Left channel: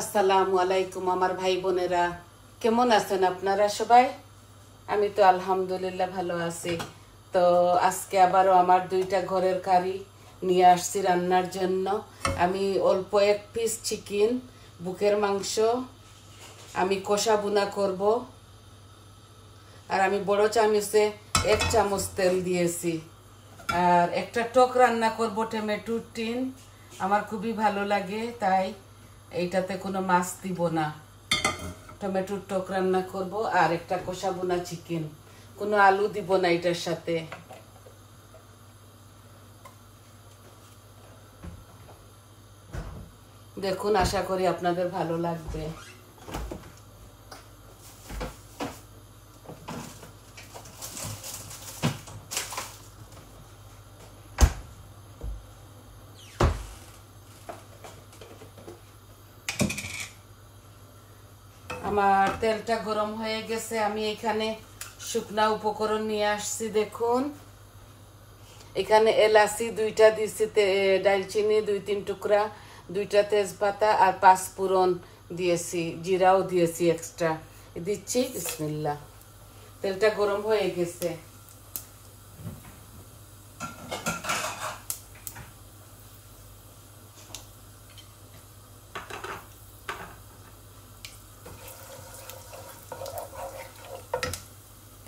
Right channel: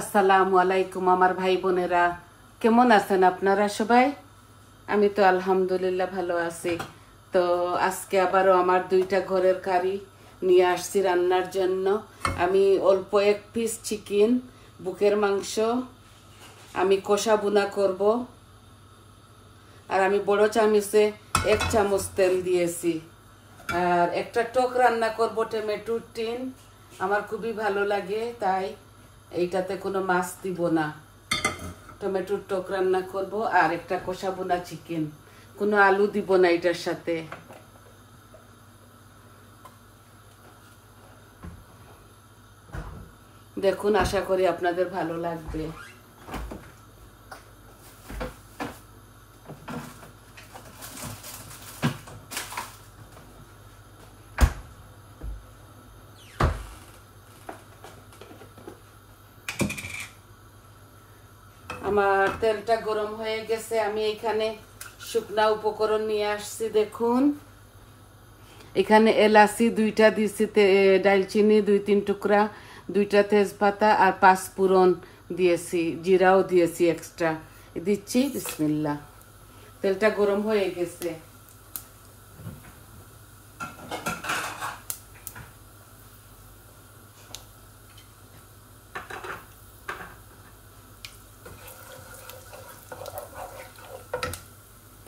আসসালামু আলাইকুম আমার ভাই বোনেরা, কেমন আছেন আপনারা সবাই? আমি তো আলহামদুলিল্লাহ ভালো আছি। তো আজকে আবারও আমার দুইটা ঘরের কারি নিয়ে আসছি রান্নার জন্য। আমি অল্প এক পিস চিকেন, বুকের মাংস আমি কষা বুনা করব। আর আমি বড় চামচে 1 চামচ তেল দিয়েছি। আর একটা টক রান্না করব, টমেটো টিন। আমার খুবই ভালো লাগে, তাই এইটাতে কোনো মাছ দিব না। টমেটোর টক রান্না করব আর একটা কষা বোনা চিকেন, কোনো আলু দিব না এটার সাথে। দেখুন, আশা করি আপনাদের ভালো লাগবে। আমার তেলটা গরম হয়ে গেছে। আমি এখানে শুকনা উপকরণ নিয়ে আসছি। দেখুন, এখানে এলাচি 2টা দিয়েছি, দারচিনি 2-3 টুকরা, 2টা তেজপাতা আর 5 ফোড়ন দিয়েছি, জিরাও দিয়েছি এক্সট্রা দিচ্ছি। বিসমিল্লাহ। তেলটা গরম হয়ে গেছে।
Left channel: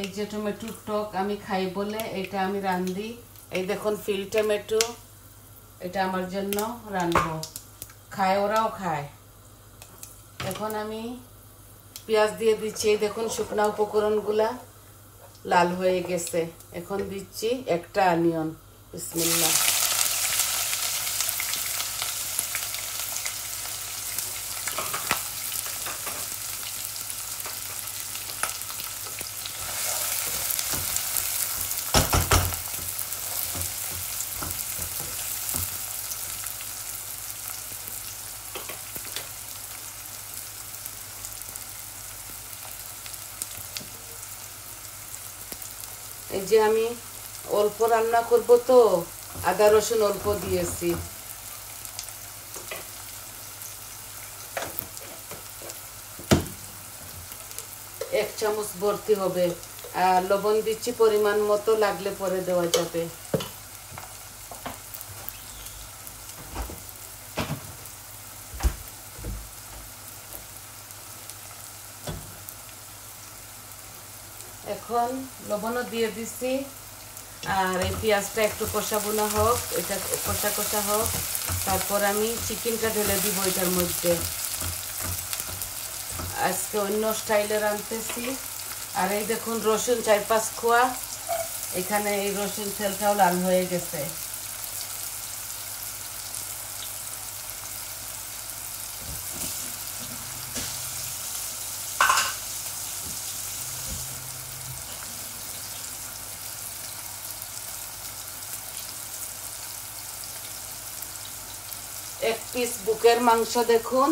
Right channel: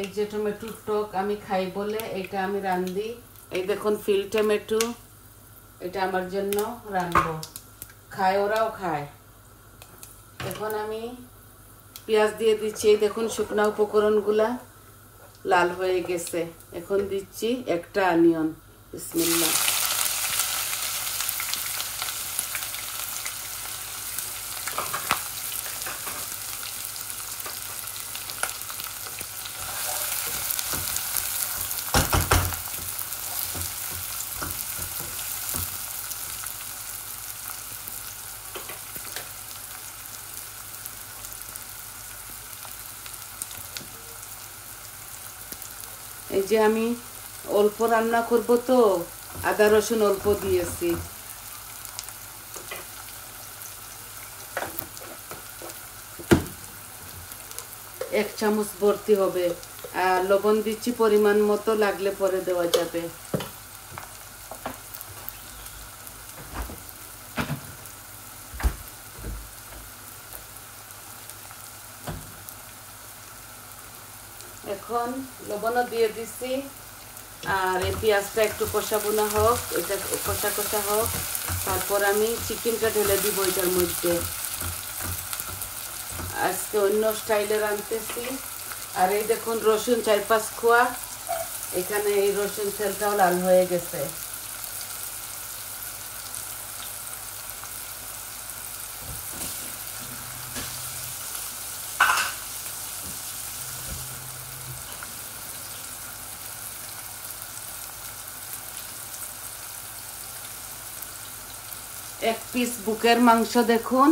এই যে টমেটোর টক আমি খাই বলে এটা আমি রান্ধি। এই দেখুন ফিল টমেটো, এটা আমার জন্য রান্ধবো। খায়, ওরাও খায়। এখন আমি পেঁয়াজ দিয়ে দিচ্ছি। এই দেখুন শুকনা উপকরণগুলা লাল হয়ে গেছে। এখন দিচ্ছি একটা অনিয়ন। বিসমিল্লাহ। এই যে আমি অল্প রান্না করবো, তো আদা রসুন অল্প দিয়েছি। এক চামচ ভর্তি হবে। আর লবণ দিচ্ছি পরিমাণ মতো, লাগলে পরে দেওয়া যাবে। এখন লবণও দিয়ে দিচ্ছি। আর এই পেঁয়াজটা একটু কষা বোনা হোক, এটা কষা কষা হোক, তারপর আমি চিকেনটা ঢেলে দিব এটার মধ্যে। আজকে অন্য স্টাইলে রাঁধতেছি। আর এই দেখুন রসুন 4-5 কোয়া, এখানে এই রসুন তেলটাও লাল হয়ে গেছে। এক পিস বুকের মাংস দেখুন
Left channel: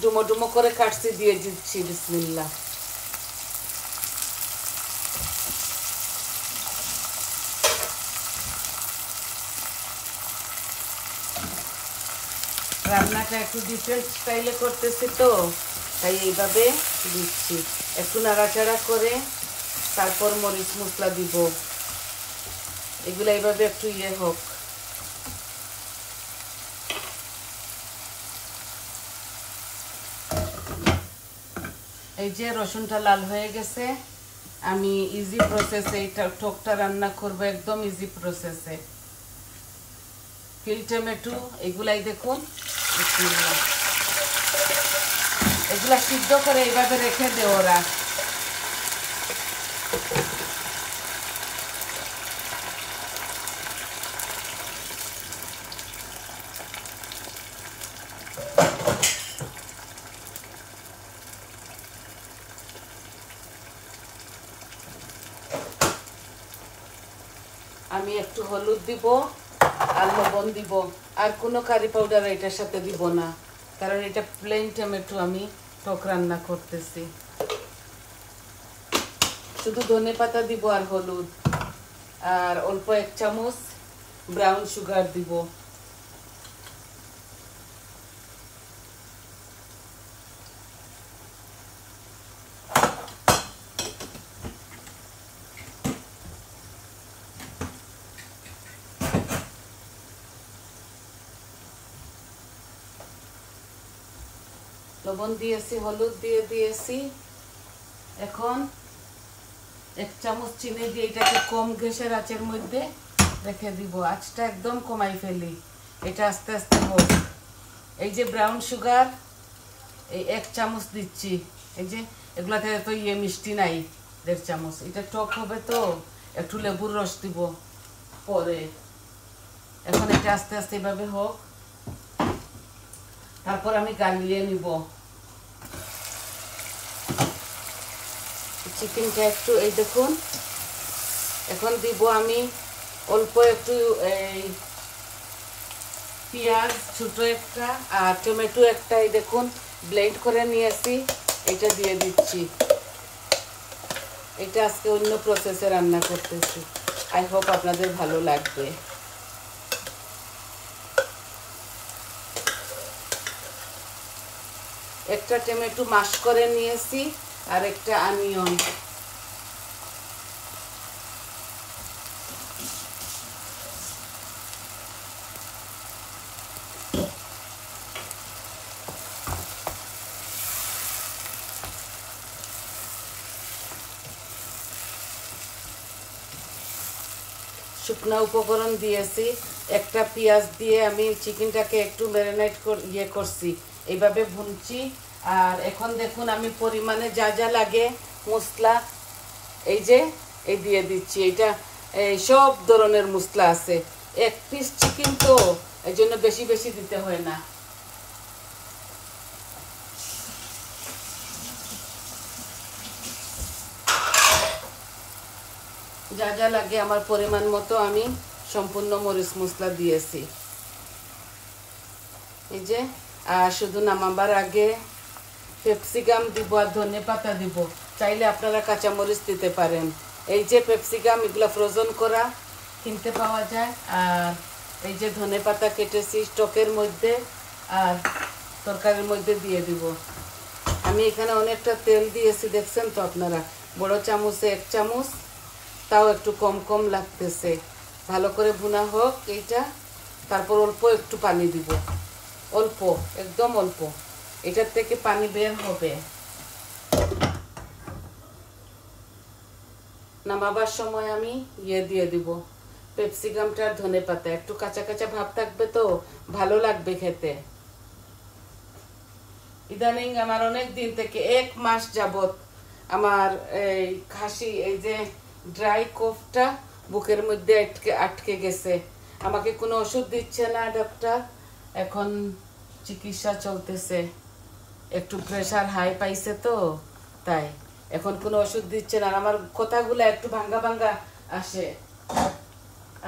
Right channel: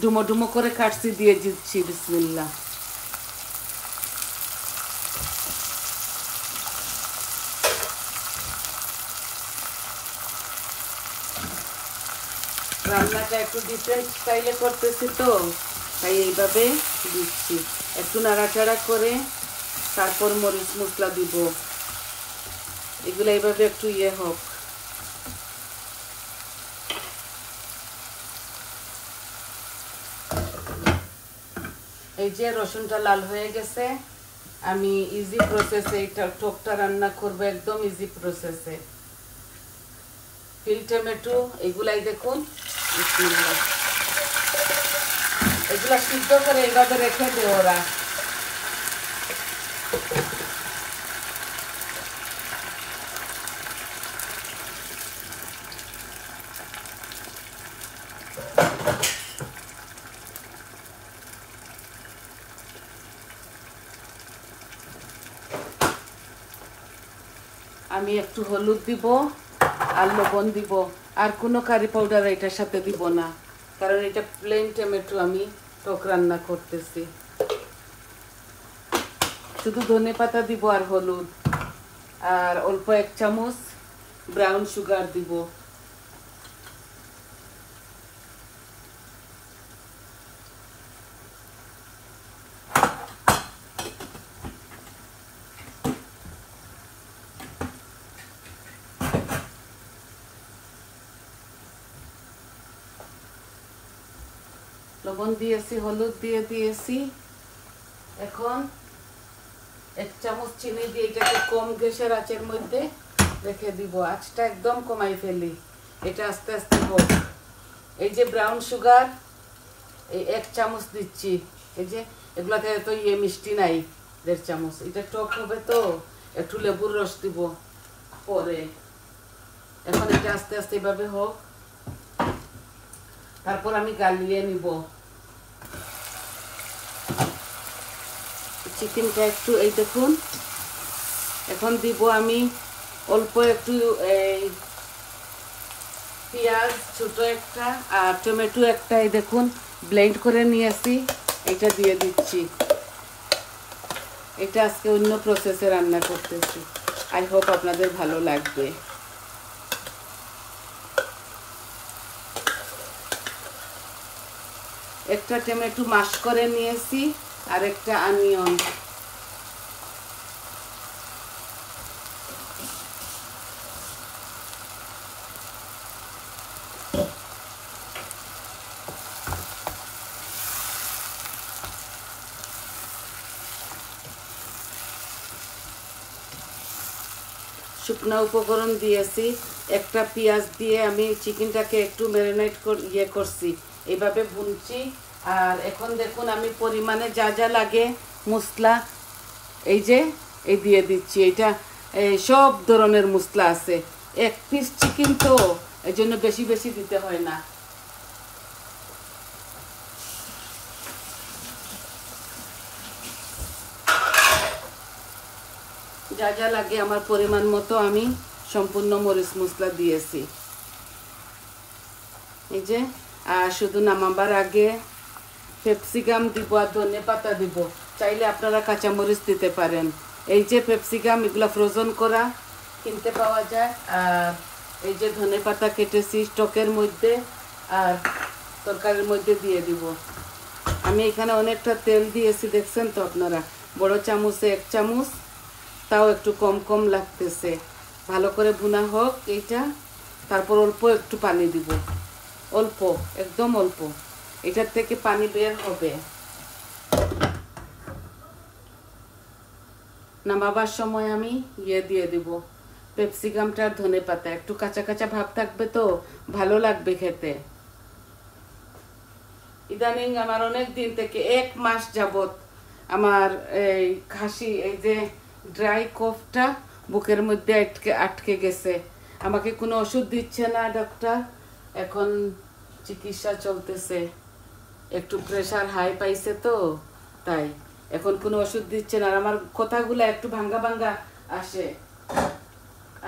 ডুমো ডুমো করে কাটছি, দিয়ে দিচ্ছি। বিসমিল্লাহ। রান্নাটা একটু ডিফারেন্ট স্টাইলে করতেছি, তো তাই এইভাবে দিচ্ছি। একটু নাড়াচাড়া করে তারপর মরিচ মশলা দিব। এগুলো এইভাবে একটু হোক। এই যে রসুনটা লাল হয়ে গেছে। আমি ইজি প্রসেসে এটা টকটা রান্না করব, একদম ইজি প্রসেসে। ফিল টমেটো এগুলাই দেখুন, এগুলা সিদ্ধ করে এইভাবে রেখে দে ওরা। আমি একটু হলুদ দিব আর লবণ দিব। আর কোনো কারি পাউডার এটার সাথে দিব না, কারণ এটা প্লেন টমেটো আমি টক রান্না করতেছি। শুধু ধনেপাতা দিব আর হলুদ, আর অল্প 1 চামচ ব্রাউন সুগার দিব। লবণ দিয়েছি, হলুদ দিয়ে দিয়েছি। এখন 1 চামচ চিনি দিয়ে এটাকে কম গ্যাসের আঁচের মধ্যে রেখে দিব। আঁচটা একদম কমাই ফেলি, এটা আস্তে আস্তে হোক। এই যে ব্রাউন সুগার এই 1 চামচ দিচ্ছি। এই যে এগুলাতে তো মিষ্টি নাই, 1.5 চামচ। এটা টক হবে তো একটু লেবুর রস দিব পরে। এখন এটা আস্তে আস্তে এভাবে হোক, তারপর আমি গালিয়ে নিব। চিকেনটা একটু এই দেখুন, এখন দিব আমি অল্প একটু পেঁয়াজ ছোট একটা আর টমেটো একটা, এই দেখুন ব্লেন্ড করে নিয়েছি, এটা দিয়ে দিচ্ছি। এটা আজকে অন্য প্রসেসে রান্না করতেছি, আই হোপ আপনাদের ভালো লাগবে। একটা টমেটো মাশ করে নিয়েছি আর একটা অনিয়ন। শুকনো উপকরণ দিয়েছি, একটা পেঁয়াজ দিয়ে আমি চিকেনটাকে একটু ম্যারিনেট করছি, এইভাবে ভুনছি। আর এখন দেখুন আমি পরিমাণে যা যা লাগে মশলা এই যে এই দিয়ে দিচ্ছি। এটা সব ধরনের মশলা আছে, 1 পিস চিকেন তো এই জন্য বেশি বেশি দিতে হয় না। যা যা লাগে আমার পরিমাণ মতো আমি সম্পূর্ণ মরিচ মশলা দিয়েছি। এই যে আর শুধু নামাবার আগে ক্যাপসিকাম দিব আর ধনে পাতা দিব, চাইলে আপনারা কাঁচামরিচ দিতে পারেন। এই যে ক্যাপসিকাম এগুলো ফ্রোজেন করা কিনতে পাওয়া যায়। আর এই যে ধনে পাতা কেটেছি স্টকের মধ্যে আর তরকারির মধ্যে দিয়ে দিব। আমি এখানে অনেকটা তেল দিয়েছি, দেখছেন তো আপনারা, বড় চামচে 1 চামচ, তাও একটু কম কম লাগতেছে। ভালো করে ভুনা হোক এইটা, তারপর অল্প একটু পানি দিব, অল্প একদম অল্প, এটার থেকে পানি বের হবে। নামাবার সময় আমি দিয়ে দিব ক্যাপসিকামটা আর ধনে পাতা, একটু কাঁচা কাঁচা ভাব থাকবে তো ভালো লাগবে খেতে। ইদানিং আমার অনেক দিন থেকে 1 মাস যাবত আমার এই খাসি, এই যে ড্রাই কফটা বুকের মধ্যে আটকে গেছে। আমাকে কোনো ওষুধ দিচ্ছে না ডাক্তার, এখন চিকিৎসা চলতেছে। একটু প্রেশার হাই পাইছে তো তাই এখন কোনো ওষুধ দিচ্ছে না। আমার কথাগুলো একটু ভাঙ্গা ভাঙ্গা আসে,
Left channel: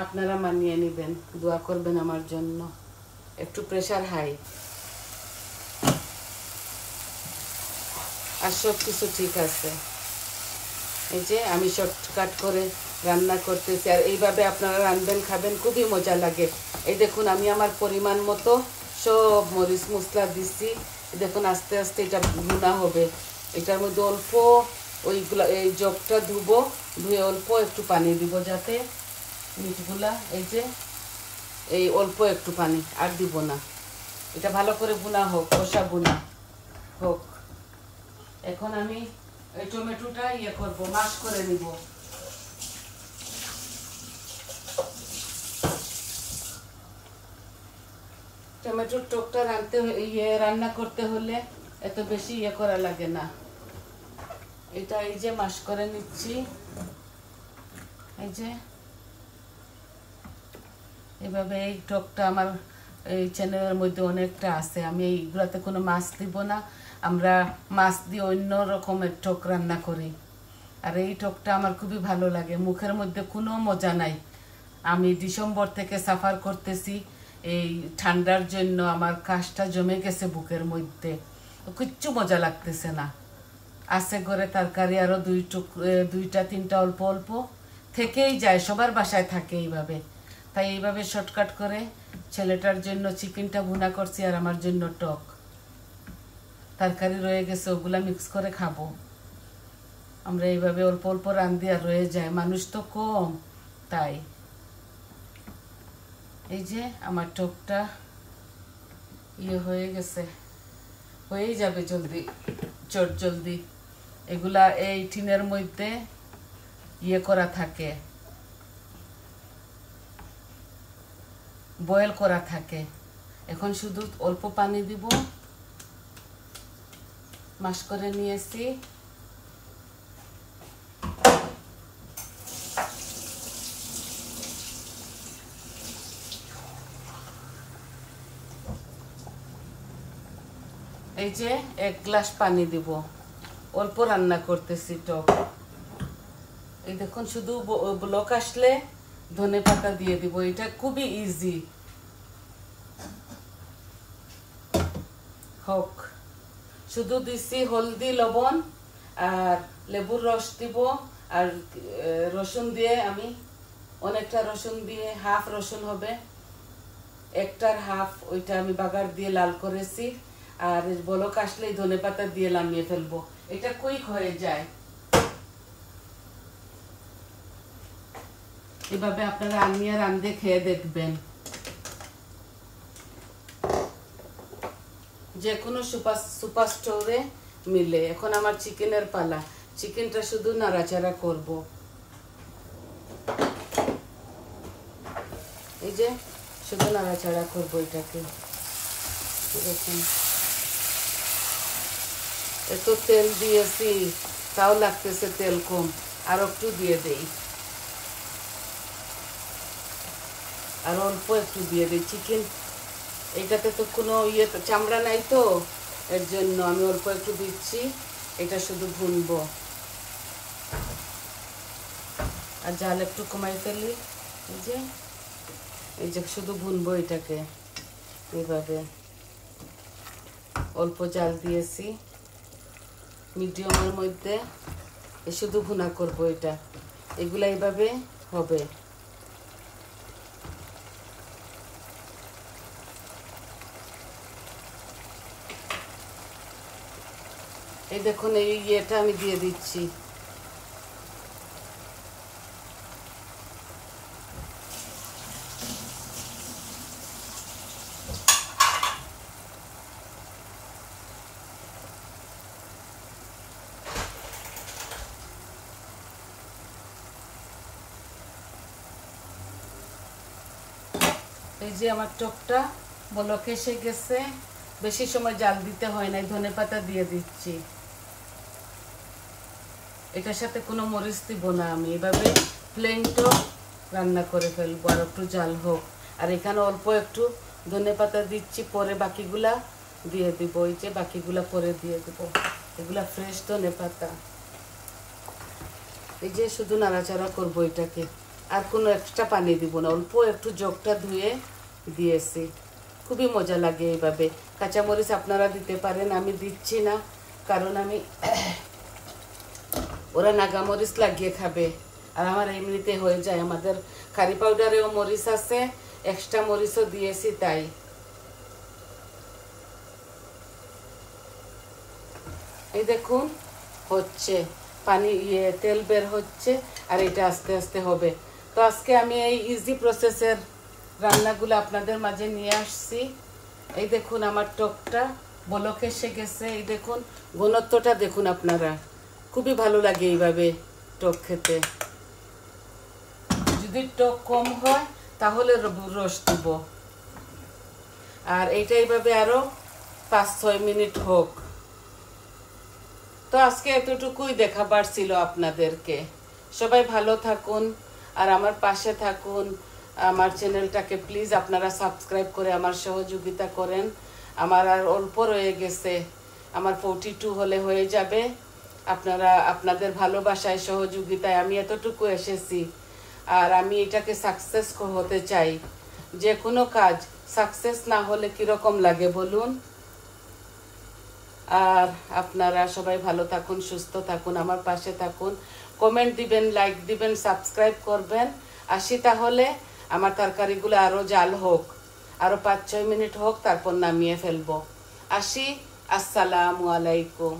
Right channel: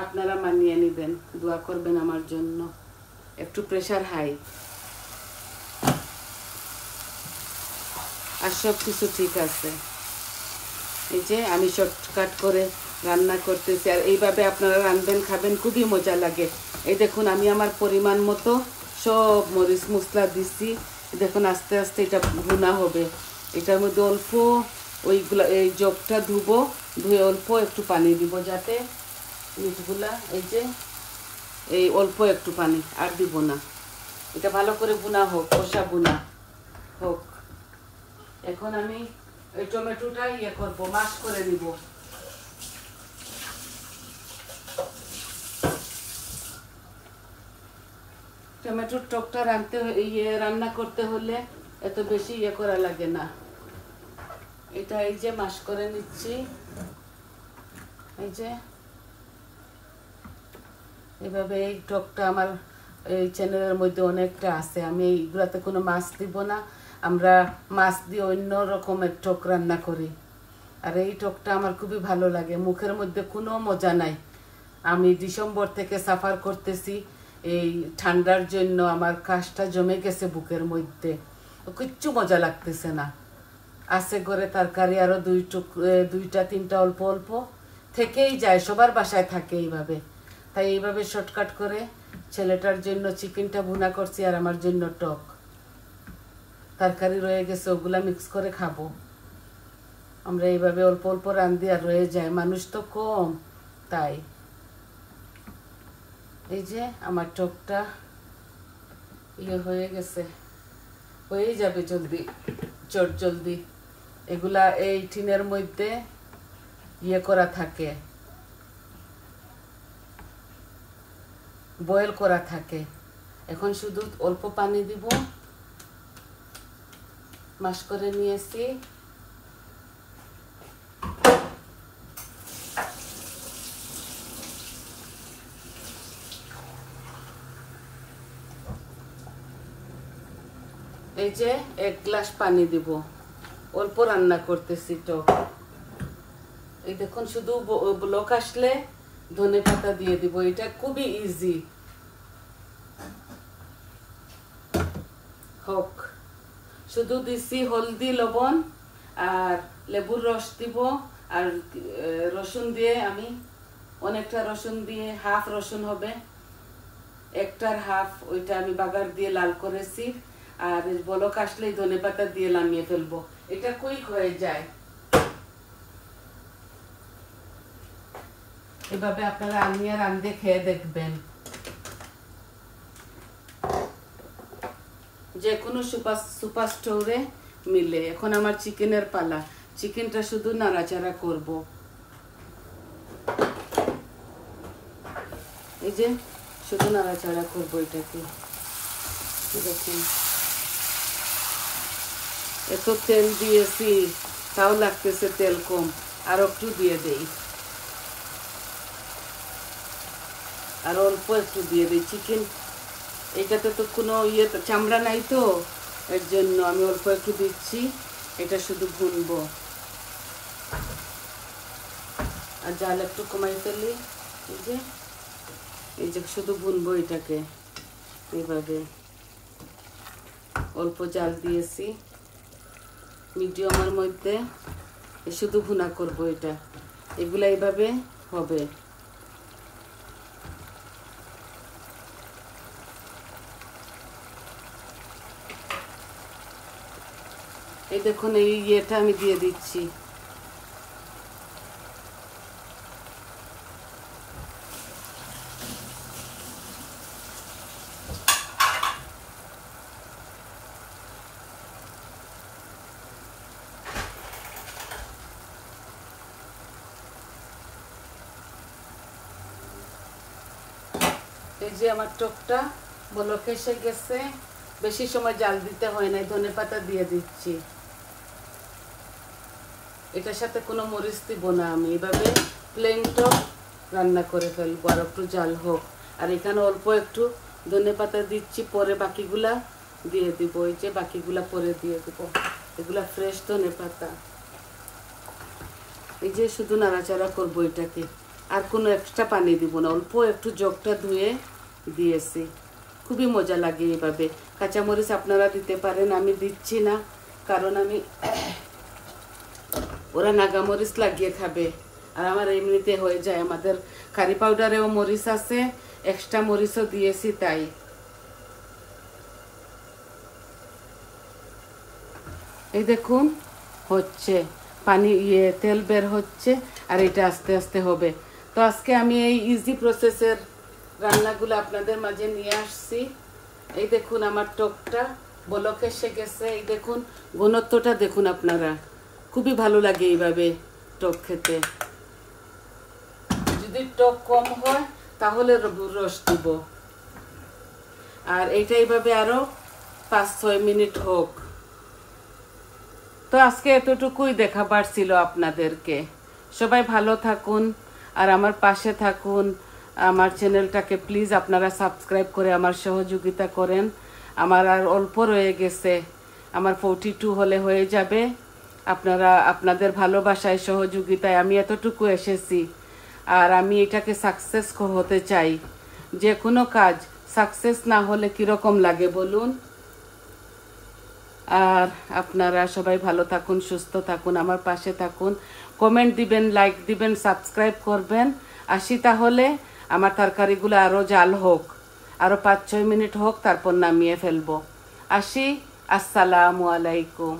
আপনারা মানিয়ে নেবেন, দোয়া করবেন আমার জন্য। একটু প্রেশার হাই, আর সব কিছু ঠিক আছে। এই যে আমি শর্টকাট করে রান্না করতেছি, আর এইভাবে আপনারা রান্নবেন, খাবেন, খুবই মজা লাগে। এই দেখুন আমি আমার পরিমাণ মতো সব মরিচ মশলা দিচ্ছি। দেখুন আস্তে আস্তে এটা ভুনা হবে। এটার মধ্যে অল্প ওইগুলা এই জগটা ধুবো, ধুয়ে অল্প একটু পানি দিব যাতে মিটগুলা, এই যে এই অল্প একটু পানি আর দিব না। এটা ভালো করে ভুনা হোক, কষা ভুনা হোক। এখন আমি এই টমেটোটা করবো, মাশ করে নিব। টমেটোর টকটা রান্না করতে হলে এত বেশি করা লাগে না। এটা এই যে মাশ করে নিচ্ছি, এই যে এভাবে। এই টকটা আমার এই চ্যানেলের মধ্যে অনেকটা আছে, আমি এইগুলাতে কোনো মাছ দিব না, আমরা মাছ দিয়ে অন্য রকমের টক রান্না করি। আর এই টকটা আমার খুবই ভালো লাগে, মুখের মধ্যে কোনো মজা নাই। আমি ডিসেম্বর থেকে সাফার করতেছি, এই ঠান্ডার জন্য আমার কাশটা জমে গেছে বুকের মধ্যে, কিচ্ছু মজা লাগতেছে না। আছে ঘরে তরকারি আরও 2টা 3টা অল্প অল্প থেকেই যায়, সবার বাসায় থাকে এইভাবে। তাই এইভাবে শর্টকাট করে ছেলেটার জন্য চিকেনটা ভুনা করছি আর আমার জন্য টক তরকারি রয়ে গেছে, ওগুলা মিক্স করে খাবো। আমরা এইভাবে অল্প অল্প রান্ধি আর রয়ে যায়, মানুষ তো কম তাই। এই যে আমার টকটা হয়ে গেছে, হয়ে যাবে জলদি, চট জলদি। এগুলা এই টিনের মধ্যে ইয়ে করা থাকে, বয়েল করা থাকে। এখন শুধু অল্প পানি দিব, মাশ করে নিয়েছি। এই যে 1 গ্লাস পানি দিব, অল্প রান্না করতেছি টক। এই দেখুন, শুধু ব্লক আসলে ধনেপাতা দিয়ে দিব। এটা খুবই ইজি হোক। শুধু দিছি হলদি, লবণ আর লেবুর রস দিব। আর রসুন দিয়ে আমি অনেকটা রসুন দিয়ে, হাফ রসুন হবে, 1টার হাফ, ওইটা আমি বাগার দিয়ে লাল করেছি। আর বলক আসলেই ধনেপাতা দিয়ে নামিয়ে ফেলবো। এটা কুইক হয়ে যায়। এভাবে আপনারা আনিয়ে রান্ধে খেয়ে দেখবেন। যে কোনো সুপার স্টোরে মিলে। এখন আমার চিকেনের পালা। চিকেনটা শুধু নাড়াচাড়া করব। এই যে শুধু নাড়াচাড়া করব এটাকে। দেখুন, এত তেল দিয়েছি, তাও লাগতেছে তেল কম। আর একটু দিয়ে দেই, আর অল্প একটু দিয়ে দিই। চিকেন এটাতে তো কোনো চামড়া নাই, তো এর জন্য আমি অল্প একটু দিচ্ছি। এটা শুধু ভুনবো। আর জাল একটু কমাই ফেলি। এই যে শুধু ভুনবো এটাকে এইভাবে। অল্প জাল দিয়েছি মিডিয়ামের মধ্যে। শুধু ভুনা করবো এটা। এগুলা এইভাবে হবে। এই দেখুন, এই ইয়েটা আমি দিয়ে দিচ্ছি। এই যে আমার টকটা বলক এসে গেছে। বেশি সময় জাল দিতে হয় না। ধনেপাতা দিয়ে দিচ্ছি। এটার সাথে কোনো মরিচ দিব না। আমি এভাবে প্লেন টক রান্না করে ফেলবো। আর একটু জাল হোক। আর এখানে অল্প একটু ধনেপাতা দিচ্ছি, পরে বাকিগুলা দিয়ে দিব। এই যে বাকিগুলা পরে দিয়ে দিব। এগুলা ফ্রেশ ধনেপাতা। এই যে শুধু নাড়াচাড়া করবো এটাকে। আর কোনো এক্সট্রা পানি দিব না। অল্প একটু জগটা ধুয়ে দিয়েছি। খুবই মজা লাগে এইভাবে। কাঁচামরিচ আপনারা দিতে পারেন, আমি দিচ্ছি না, কারণ আমি ওরা নাগামরিচ লাগিয়ে খাবে। আর আমার এমনিতে হয়ে যায়। আমাদের কারি পাউডারেও মরিচ আছে, এক্সট্রা মরিচও দিয়েছি, তাই। এই দেখুন, হচ্ছে পানি, তেল বের হচ্ছে। আর এটা আস্তে আস্তে হবে। তো আজকে আমি এই ইজি প্রসেসের রান্নাগুলো আপনাদের মাঝে নিয়ে আসছি। এই দেখুন, আমার টকটা বলক এসে গেছে। এই দেখুন, ঘনত্বটা দেখুন আপনারা। খুবই ভালো লাগে এইভাবে টক খেতে। যদি টক কম হয় তাহলে রস দিব। আর এইটা এইভাবে আরো 5-6 মিনিট হোক। তো আজকে এতটুকুই দেখাবার ছিল আপনাদেরকে। সবাই ভালো থাকুন আর আমার পাশে থাকুন। আমার চ্যানেলটাকে প্লিজ আপনারা সাবস্ক্রাইব করে আমার সহযোগিতা করেন। আমার আর অল্প রয়ে গেছে। আমার 42 হলে হয়ে যাবে। আপনারা আপনাদের ভালোবাসায়, সহযোগিতায় আমি এতটুকু এসেছি। আর আমি এটাকে সাকসেস হতে চাই। যে কোনো কাজ সাকসেস না হলে কিরকম লাগে বলুন। আর আপনারা সবাই ভালো থাকুন, সুস্থ থাকুন, আমার পাশে থাকুন। কমেন্ট দিবেন, লাইক দিবেন, সাবস্ক্রাইব করবেন। আসি তাহলে। আমার তরকারিগুলো আরো জাল হোক, আরো 5-6 মিনিট হোক, তারপর নামিয়ে ফেলবো। আসি। আসসালামু আলাইকুম।